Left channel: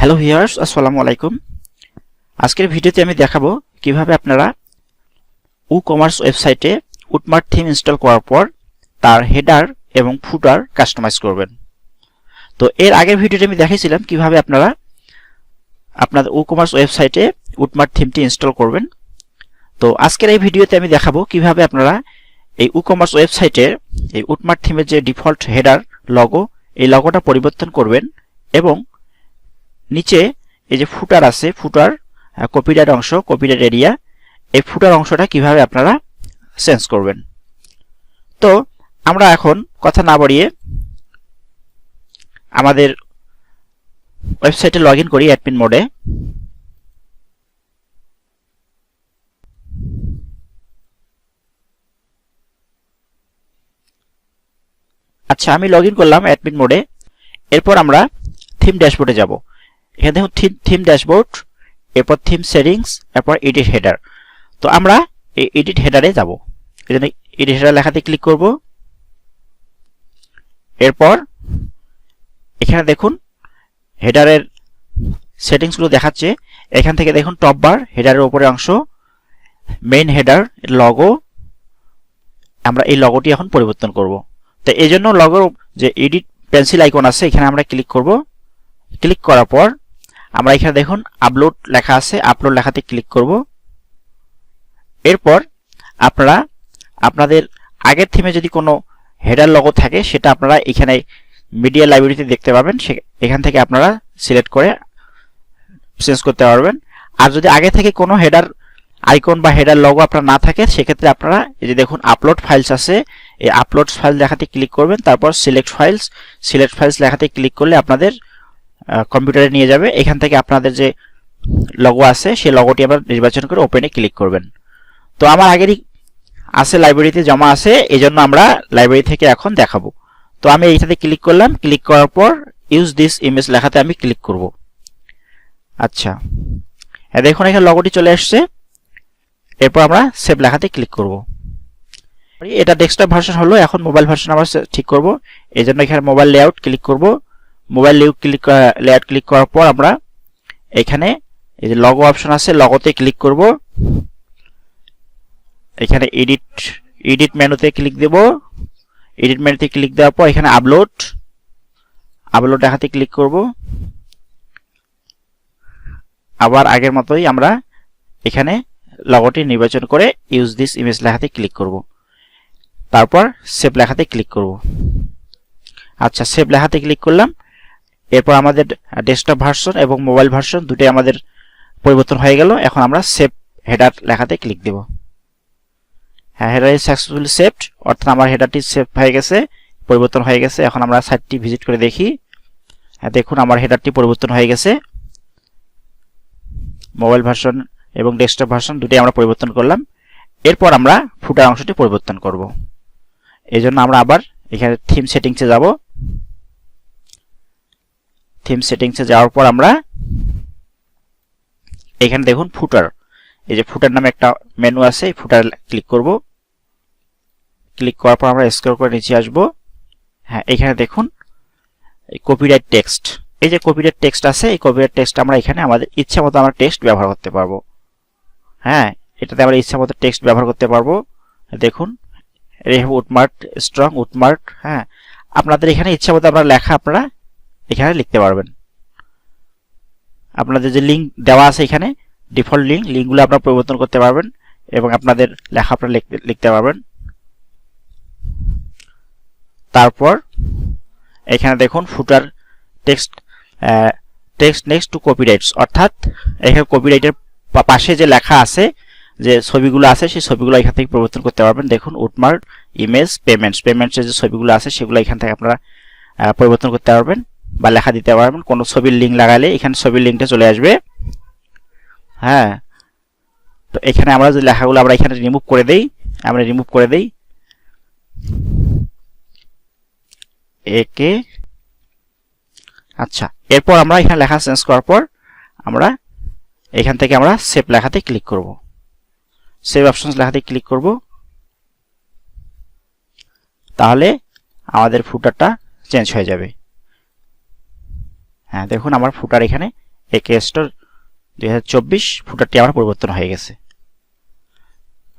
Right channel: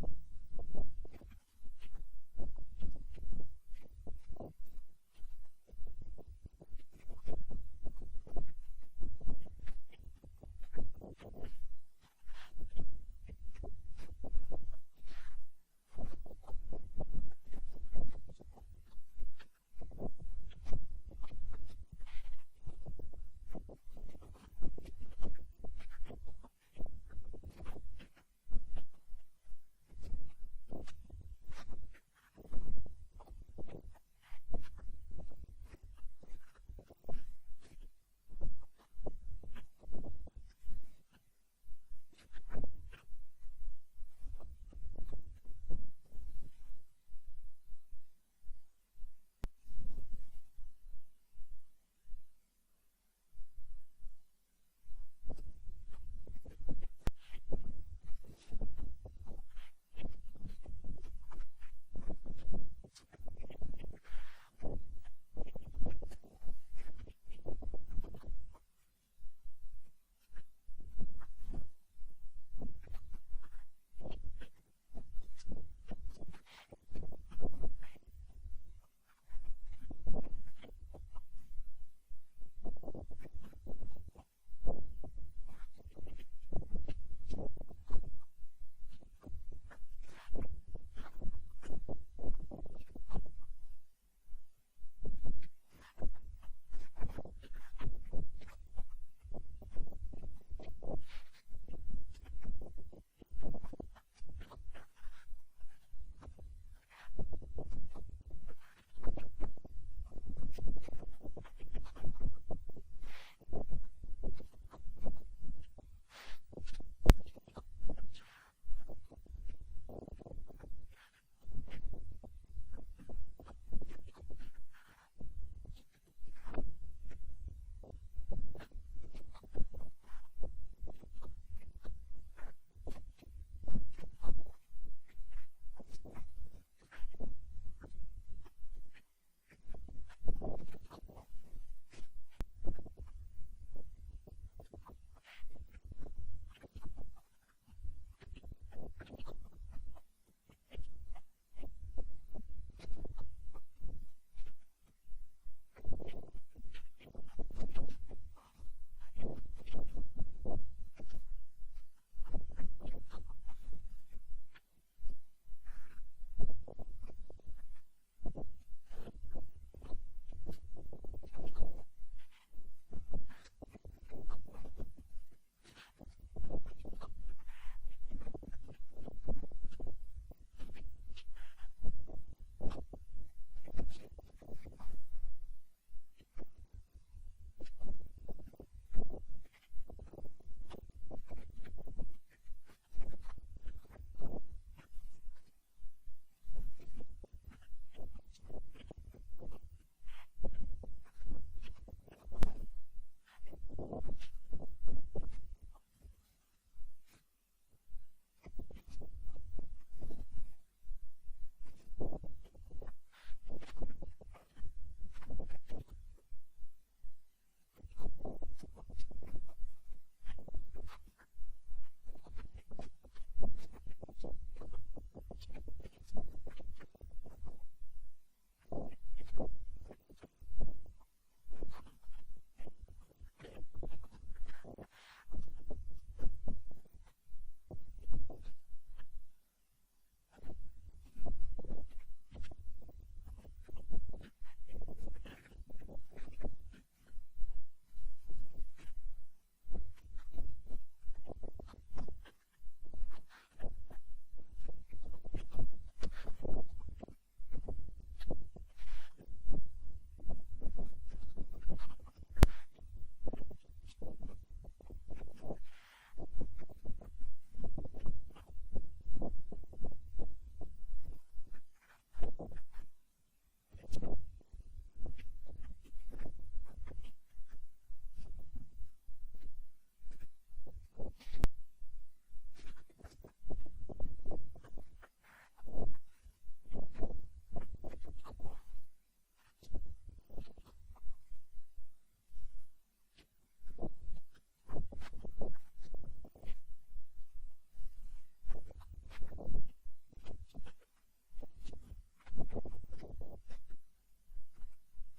Hello viewers, আসসালামু আলাইকুম। আজকের ভিডিওতে আমি দেখাবো কিভাবে আপনারা WooCommerce ওয়েবসাইটে WoodMart থিম ইনস্টল করার পর তার হেডার এবং ফুটার কাস্টমাইজ করবেন। তো এর আগের ভিডিওতে আমি দেখাইছিলাম কিভাবে আপনারা আপনাদের WooCommerce ওয়েবসাইটে WoodMart থিমটি ইনস্টল করবেন। তো আজকের এই ভিডিওতে আমি দেখাবো কিভাবে আপনারা এই WooCommerce ওয়েবসাইটের এই WoodMart থিমের যে ডিফল্ট হেডার লগো, এই লগোটা পরিবর্তন করবেন এবং নিচে এই যে ফুটার আছে, ফুটার কপিরাইট অংশ, কপিরাইট এরিয়া, এই ফুটার অংশটা কিভাবে আপনারা চেঞ্জ করবেন। তো আমরা এখন কথা না বাড়িয়ে আমাদের ওয়েবসাইটে লগ ইন করি অ্যাডমিন মোডে। আচ্ছা, আমি লগ ইন করলাম অ্যাডমিন মোডে। এরপর আমরা থিম ড্যাশবোর্ডে যাব। এখানে দেখুন থিম ড্যাশবোর্ড, এরপর থিম সেটিংস, এরপর এডিট হেডার। তো আমরা এই এডিট হেডারে যাব। এই জন্য এডিট হেডার লেখাতে ক্লিক করব। এরপর এখানে দেখুন হেডারের সেটিংসগুলো দেখাচ্ছে। এখান থেকে দেখুন টপ বার, হেডারের উপরের অংশ, মেইন হেডার, লগো। আমরা এই লগোটি এখন পরিবর্তন করব। তো এই জন্য লগোর যে এডিট পেন্সিল আইকন আছে, এখানে আমরা ক্লিক করব। ক্লিক করার পর আমরা এখানে দেখুন আপলোড লেখা আছে, আপলোড লেখাতে ক্লিক করব। এরপর আপনারা আপনাদের আগের থিমে যদি কোনো হেডার লগো থাকে সেটা আপনারা এখানে মিডিয়া লাইব্রেরিতে দেখতে পাবেন। এখান থেকে আপনারা সিলেক্ট করে চেঞ্জ করতে পারবেন। আর যদি আগে থেকে কোনো হেডার আইকন বা হেডার লগো আপনার না থাকে, সেক্ষেত্রে আপনারা এই যে দেখুন আপলোড ফাইলস আছে, এই আপলোড ফাইল লেখাতে ক্লিক করবেন। তারপর সিলেক্ট ফাইলস লেখাতে ক্লিক করলে আপনাদের কম্পিউটারে নিয়ে যাবে। এখান থেকে আপনাদের যে লগো আছে সেই লগোটি আবার নির্বাচন করে ওপেনে ক্লিক করবেন। তো আমার আগেরই আছে, লাইব্রেরিতে জমা আছে, এই জন্য আমরা লাইব্রেরি থেকে এখন দেখাবো। তো আমি এইটাতে ক্লিক করলাম। ক্লিক করার পর ইউজ দিস ইমেজ লেখাতে আমি ক্লিক করব। আচ্ছা, দেখুন এখানে লগোটি চলে আসছে। এরপর আমরা সেভ লেখাতে ক্লিক করব। এটা ডেস্কটপ ভার্সন হলো, এখন মোবাইল ভার্সন আমরা ঠিক করব। এই জন্য এখানে মোবাইল লেআউট ক্লিক করব। মোবাইল লেআউট ক্লিক করার পর আমরা এখানে এই যে লগো অপশন আছে, লগোতে ক্লিক করব। এখানে এডিট মেনুতে ক্লিক দেব। এডিট মেনুতে ক্লিক দেওয়ার পর এখানে আপলোড লেখাতে ক্লিক করব। আবার আগের মতোই আমরা এখানে লগোটি নির্বাচন করে ইউজ দিস ইমেজ লেখাতে ক্লিক করব। তারপর সেভ লেখাতে ক্লিক করব। আচ্ছা, সেভ লেখাতে ক্লিক করলাম। এরপর আমাদের ডেস্কটপ ভার্সন এবং মোবাইল ভার্সন দুটোই আমাদের পরিবর্তন হয়ে গেল। এখন আমরা সেভ হেডার লেখাতে ক্লিক দেব। হ্যাঁ, হেডার ইজ সাকসেসফুলি সেভড, অর্থাৎ আমার হেডারটি সেভ হয়ে গেছে, পরিবর্তন হয়ে গেছে। এখন আমরা সাইটটি ভিজিট করে দেখি। হ্যাঁ, দেখুন আমার হেডারটি পরিবর্তন হয়ে গেছে। মোবাইল ভার্সন এবং ডেস্কটপ ভার্সন দুটোই আমরা পরিবর্তন করলাম। এরপর আমরা ফুটার অংশটি পরিবর্তন করব। এই জন্য আমরা আবার এখানে থিম সেটিংসে যাব। থিম সেটিংসে যাওয়ার পর আমরা এখানে দেখুন ফুটার, এই যে ফুটার নামে একটা মেনু আছে, এই ফুটার ক্লিক করব। ক্লিক করার পর আমরা স্ক্রল করে নিচে আসব। হ্যাঁ, এখানে দেখুন এই কপিরাইট টেক্সট, এই যে কপিরাইট টেক্সট আছে, এই কপিরাইট টেক্সট আমরা এখানে আমাদের ইচ্ছা মতো আমরা টেক্সট ব্যবহার করতে পারবো। হ্যাঁ, এটাতে আমরা ইচ্ছা মতো টেক্সট ব্যবহার করতে পারবো। দেখুন WoodMart স্ট্রং WoodMart। হ্যাঁ, আপনাদের এখানে ইচ্ছা মতো আপনারা লেখা আপনারা এখানে লিখতে পারবেন। আপনাদের যে লিঙ্ক দেওয়া আছে এখানে ডিফল্ট লিঙ্কগুলো আপনারা পরিবর্তন করতে পারবেন এবং আপনাদের লেখা আপনারা লিখতে পারবেন। তারপর এখানে দেখুন ফুটার টেক্সট নেক্সট টু কপিরাইটস, অর্থাৎ এখানে কপিরাইটের পাশে যে লেখা আছে, যে ছবিগুলো আছে, সেই ছবিগুলো এখান থেকে পরিবর্তন করতে পারবেন। দেখুন WoodMart ইমেজ পেমেন্টসের যে ছবিগুলো আছে সেগুলো এখান থেকে আপনারা পরিবর্তন করতে পারবেন বা লেখা দিতে পারবেন। কোনো ছবির লিঙ্ক লাগালে এখানে ছবির লিঙ্কটা চলে আসবে। হ্যাঁ, তো এখানে আমরা যে লেখাগুলো আমরা এখানে রিমুভ করে দেই, একে। আচ্ছা, এরপর আমরা এখানে লেখা চেঞ্জ করার পর আমরা এখান থেকে আমরা সেভ লেখাতে ক্লিক করব। সেভ অপশনস লেখাতে ক্লিক করব। তাহলে আমাদের ফুটারটা চেঞ্জ হয়ে যাবে। হ্যাঁ, দেখুন আমার ফুটার এখানে একে স্টোর 2024 ফুটারটি আমার পরিবর্তন হয়ে গেছে।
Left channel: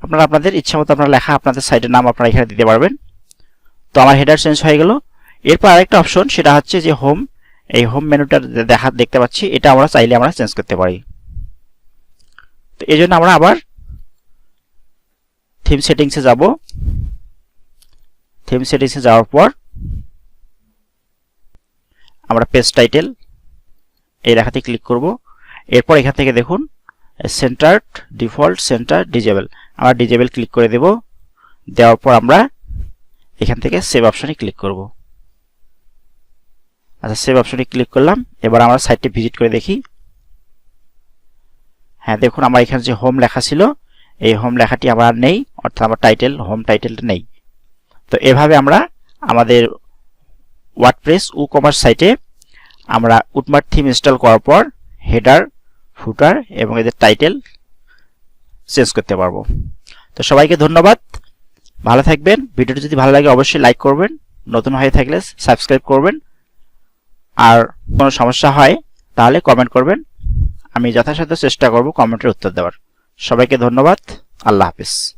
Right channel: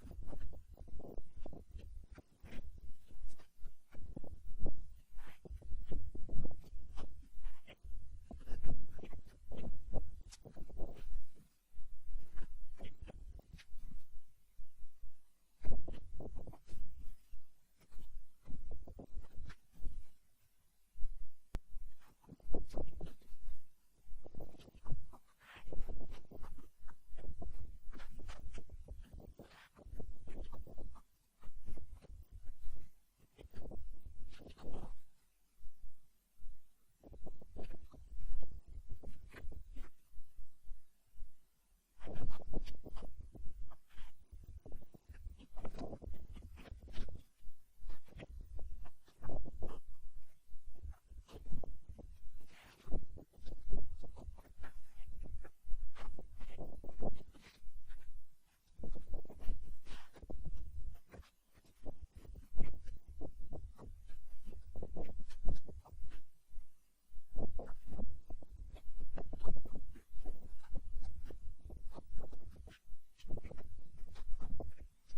আপনারা আপনাদের ইচ্ছা মতো আপনার লেখা আপনাদের সাইটের নাম আপনারা এখানে দিতে পারবেন। তো আমার হেডার চেঞ্জ হয়ে গেল। এরপর আরেকটা অপশন, সেটা হচ্ছে যে হোম। এই হোম মেনুটা দেখতে পাচ্ছি, এটা আমরা চাইলে আমরা চেঞ্জ করতে পারি। তো এই জন্য আমরা আবার থিম সেটিংসে যাব। থিম সেটিংসে যাওয়ার পর আমরা পেজ টাইটেল এই লেখাতে ক্লিক করব। এরপর এখান থেকে দেখুন সেন্টার্ড ডিফল্ট সেন্টার ডিজেবল, আমরা ডিজেবল ক্লিক করে দেব। দেওয়ার পর আমরা এখান থেকে সেভ অপশনে ক্লিক করব। আচ্ছা, সেভ অপশনে ক্লিক করলাম। এবার আমরা সাইটটি ভিজিট করে দেখি। হ্যাঁ, দেখুন আমার এখানে যে হোম লেখা ছিল, এই হোম লেখাটি আমার নেই, অর্থাৎ আমার টাইটেল হোম টাইটেলটা নেই। তো এভাবে আমরা আমাদের ওয়ার্ডপ্রেস WooCommerce সাইটে আমরা WoodMart থিম ইনস্টল করার পর হেডার, ফুটার এবং এদের টাইটেল চেঞ্জ করতে পারবো। তো সবাইকে ধন্যবাদ, ভালো থাকবেন। ভিডিওটি যদি ভালো লাগে অবশ্যই লাইক করবেন, নতুন হয়ে থাকলে সাবস্ক্রাইব করবেন, আর কোনো সমস্যা হয় তাহলে কমেন্ট করবেন। আমি যথাসাধ্য চেষ্টা করব কমেন্টের উত্তর দেওয়ার। সবাইকে ধন্যবাদ, আল্লাহ হাফিজ।